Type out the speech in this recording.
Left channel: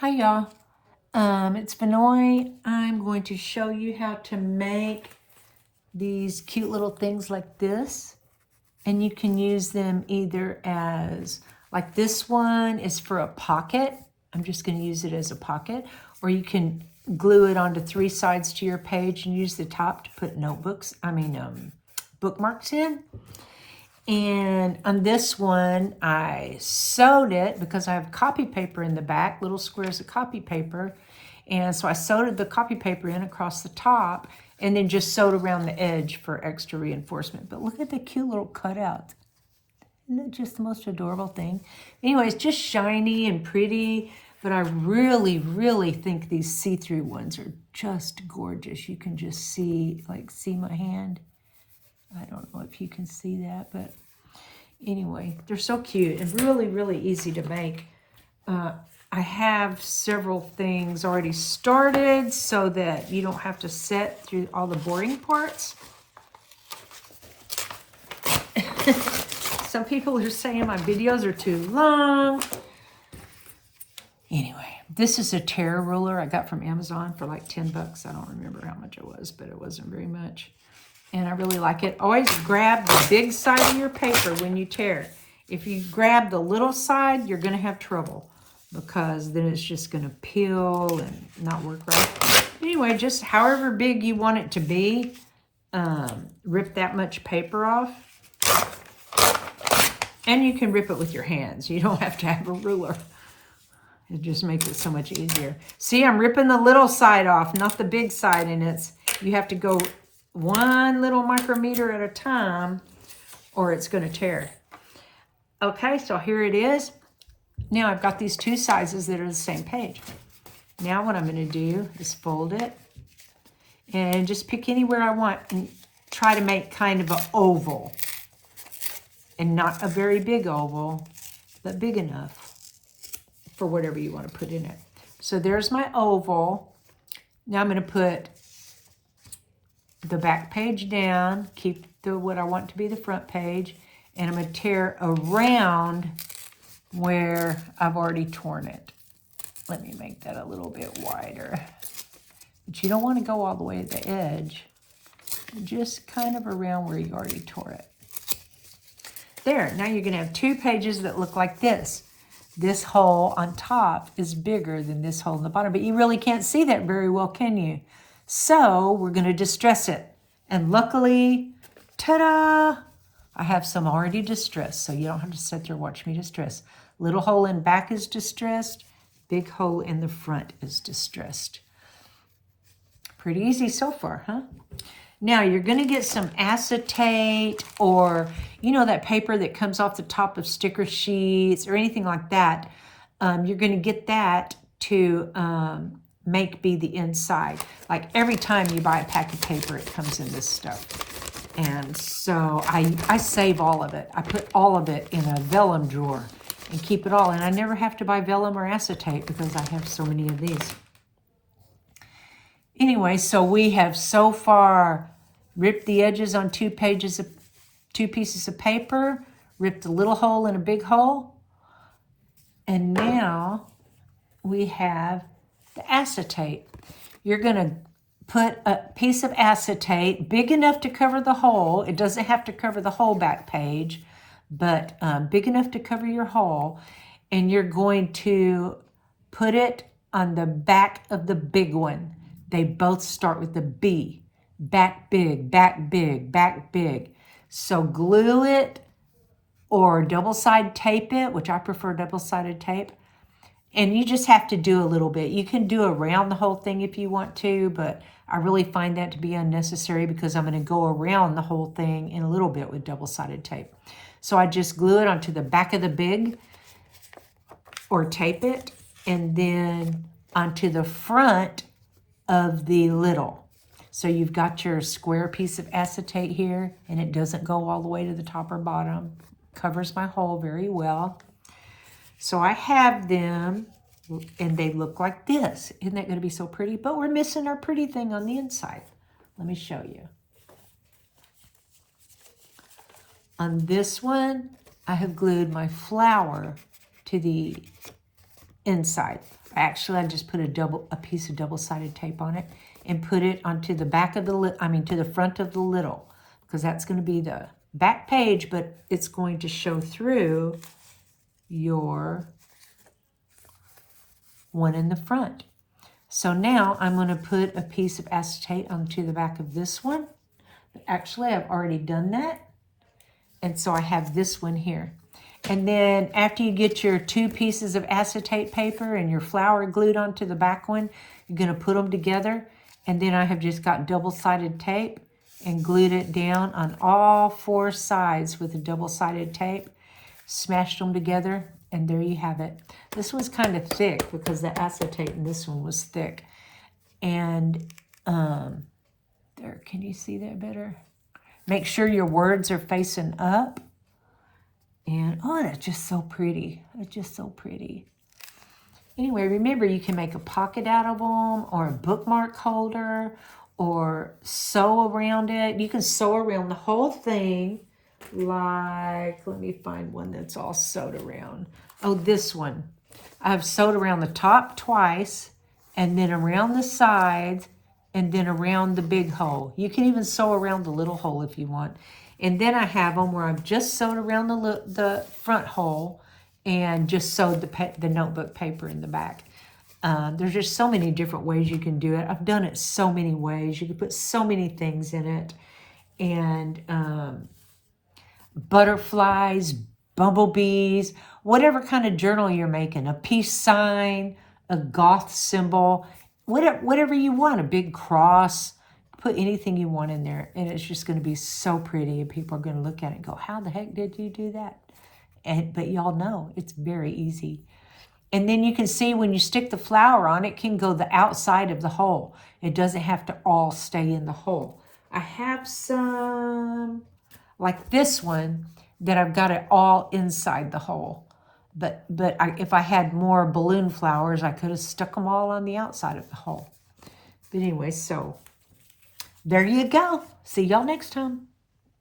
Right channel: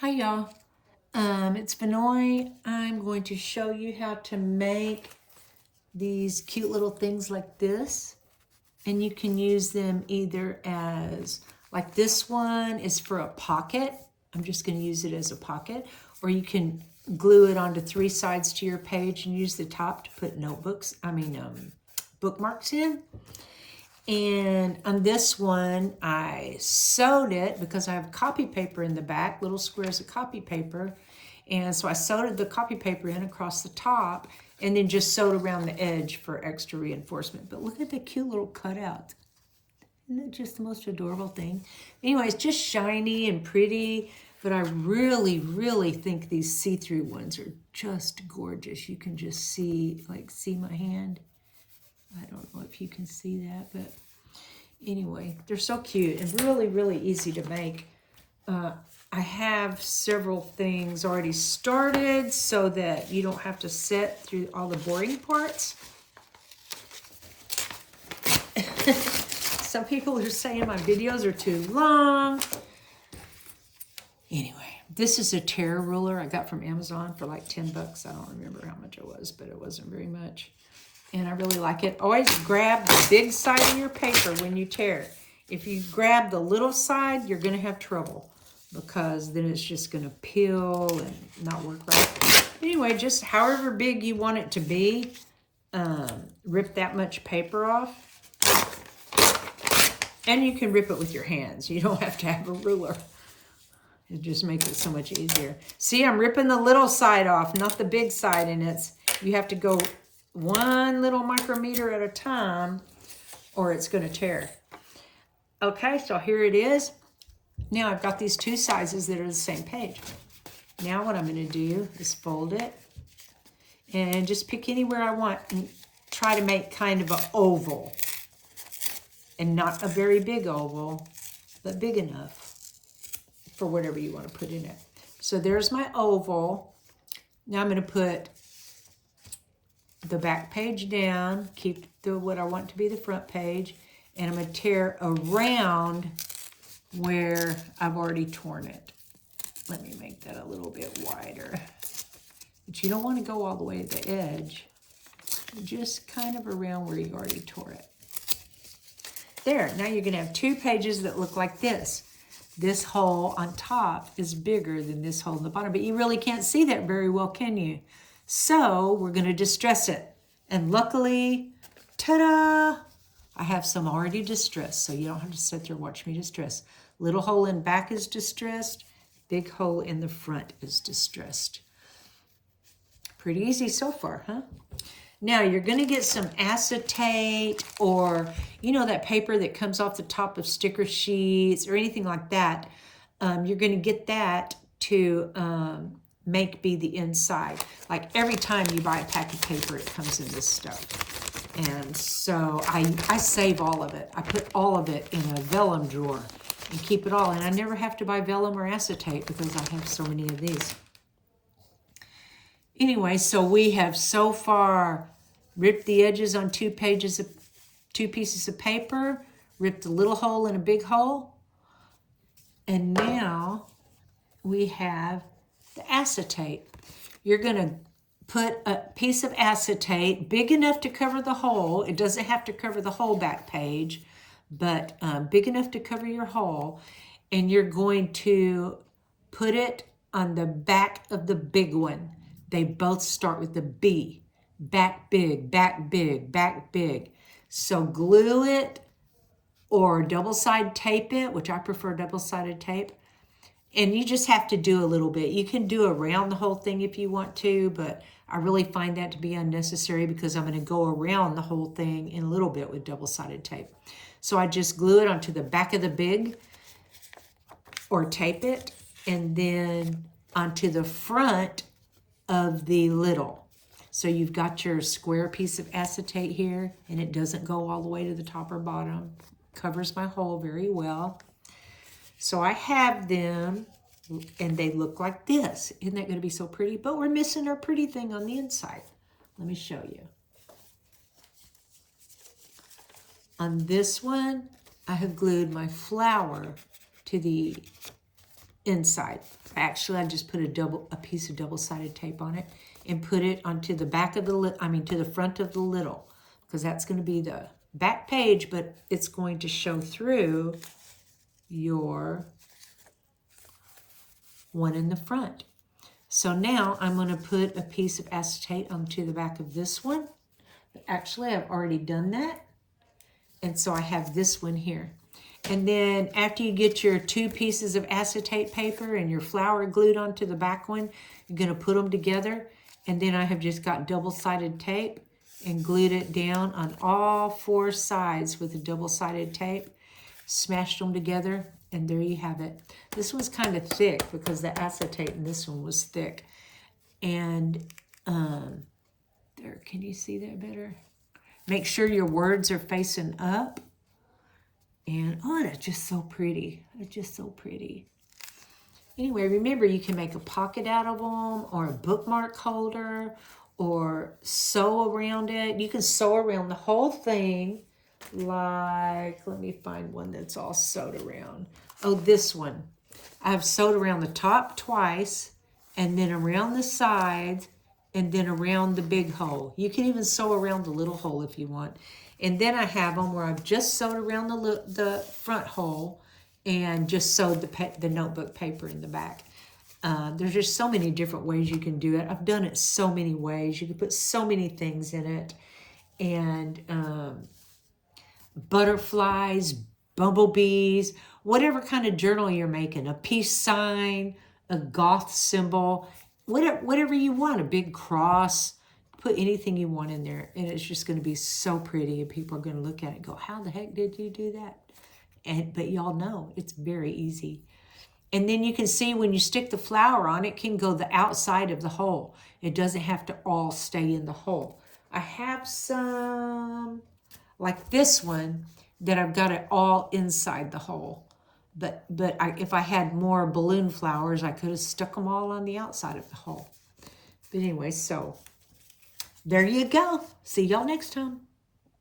Hi y'all, it's Vinoy. I'm going to show you how to make these cute little things like this. And you can use them either as, like this one is for a pocket. I'm just going to use it as a pocket. Or you can glue it onto 3 sides to your page and use the top to put bookmarks in. And on this one, I sewed it because I have copy paper in the back, little squares of copy paper. And so I sewed the copy paper in across the top and then just sewed around the edge for extra reinforcement. But look at the cute little cutouts. Isn't it just the most adorable thing? Anyway, it's just shiny and pretty, but I really, really think these see-through ones are just gorgeous. You can just see my hand? I don't know if you can see that, but anyway, they're so cute and really, really easy to make. I have several things already started so that you don't have to sit through all the boring parts. Some people are saying my videos are too long. Anyway, this is a tear ruler I got from Amazon for like 10 bucks. I don't remember how much it was, but it wasn't very much. And I really like it. Always grab the big side of your paper when you tear. If you grab the little side, you're going to have trouble because then it's just going to peel and not work right. Anyway, just however big you want it to be, rip that much paper off. And you can rip it with your hands. You don't have to have a ruler. It just makes it so much easier. See, I'm ripping the little side off, not the big side, and you have to go 1 little micrometer at a time or it's going to tear. Okay, so here it is. Now I've got these 2 sizes that are the same page. Now what I'm going to do is fold it and just pick anywhere I want and try to make kind of an oval. And not a very big oval, but big enough for whatever you want to put in it. So there's my oval. Now I'm going to put the back page down, keep what I want to be the front page, and I'm going to tear around where I've already torn it. Let me make that a little bit wider. But you don't want to go all the way to the edge, just kind of around where you already tore it. There, now you're going to have 2 pages that look like this. This hole on top is bigger than this hole in the bottom, but you really can't see that very well, can you? So we're going to distress it. And luckily, ta-da, I have some already distressed, so you don't have to sit there and watch me distress. Little hole in back is distressed. Big hole in the front is distressed. Pretty easy so far, huh? Now you're going to get some acetate or, you know, that paper that comes off the top of sticker sheets or anything like that. You're going to get that to be the inside. Like every time you buy a pack of paper, it comes in this stuff. And so I save all of it. I put all of it in a vellum drawer and keep it all. And I never have to buy vellum or acetate because I have so many of these. Anyway, so we have so far ripped the edges on 2 pieces of paper, ripped a little hole and a big hole, and now we have the acetate. You're going to put a piece of acetate big enough to cover the hole. It doesn't have to cover the whole back page, but big enough to cover your hole, and you're going to put it on the back of the big one. They both start with the B. Back big, back big, back big. So glue it or double-sided tape it, which I prefer double-sided tape. And you just have to do a little bit. You can do around the whole thing if you want to, but I really find that to be unnecessary because I'm going to go around the whole thing in a little bit with double-sided tape. So I just glue it onto the back of the big or tape it, and then onto the front of the little. So you've got your square piece of acetate here, and it doesn't go all the way to the top or bottom. Covers my hole very well. So I have them, and they look like this. Isn't that going to be so pretty? But we're missing our pretty thing on the inside. Let me show you. On this one, I have glued my flower to the inside. Actually, I just put a piece of double-sided tape on it and put it onto the back of the, to the front of the little, because that's going to be the back page, but it's going to show through your one in the front. So now I'm going to put a piece of acetate onto the back of this one. Actually, I've already done that. And so I have this one here. And then after you get your 2 pieces of acetate paper and your flower glued onto the back one, you're going to put them together. And then I have just got double-sided tape and glued it down on all 4 sides with a double-sided tape. Smashed them together, and there you have it. This one's kind of thick because the acetate in this one was thick. And there, can you see that better? Make sure your words are facing up. And, oh, that's just so pretty. It's just so pretty. Anyway, remember, you can make a pocket out of them or a bookmark holder or sew around it. You can sew around the whole thing. Like, let me find one that's all sewed around. Oh, this one. I've sewed around the top twice, and then around the sides, and then around the big hole. You can even sew around the little hole if you want. And then I have them where I've just sewed around the front hole and just sewed the notebook paper in the back. There's just so many different ways you can do it. I've done it so many ways. You can put so many things in it. And butterflies, bumblebees, whatever kind of journal you're making, a peace sign, a goth symbol, whatever you want, a big cross, put anything you want in there, and it's just going to be so pretty, and people are going to look at it and go, how the heck did you do that? But y'all know, it's very easy. And then you can see when you stick the flower on, it can go the outside of the hole. It doesn't have to all stay in the hole. I have some, like this one, that I've got it all inside the hole. But if I had more balloon flowers, I could have stuck them all on the outside of the hole. But anyway, so there you go. See y'all next time.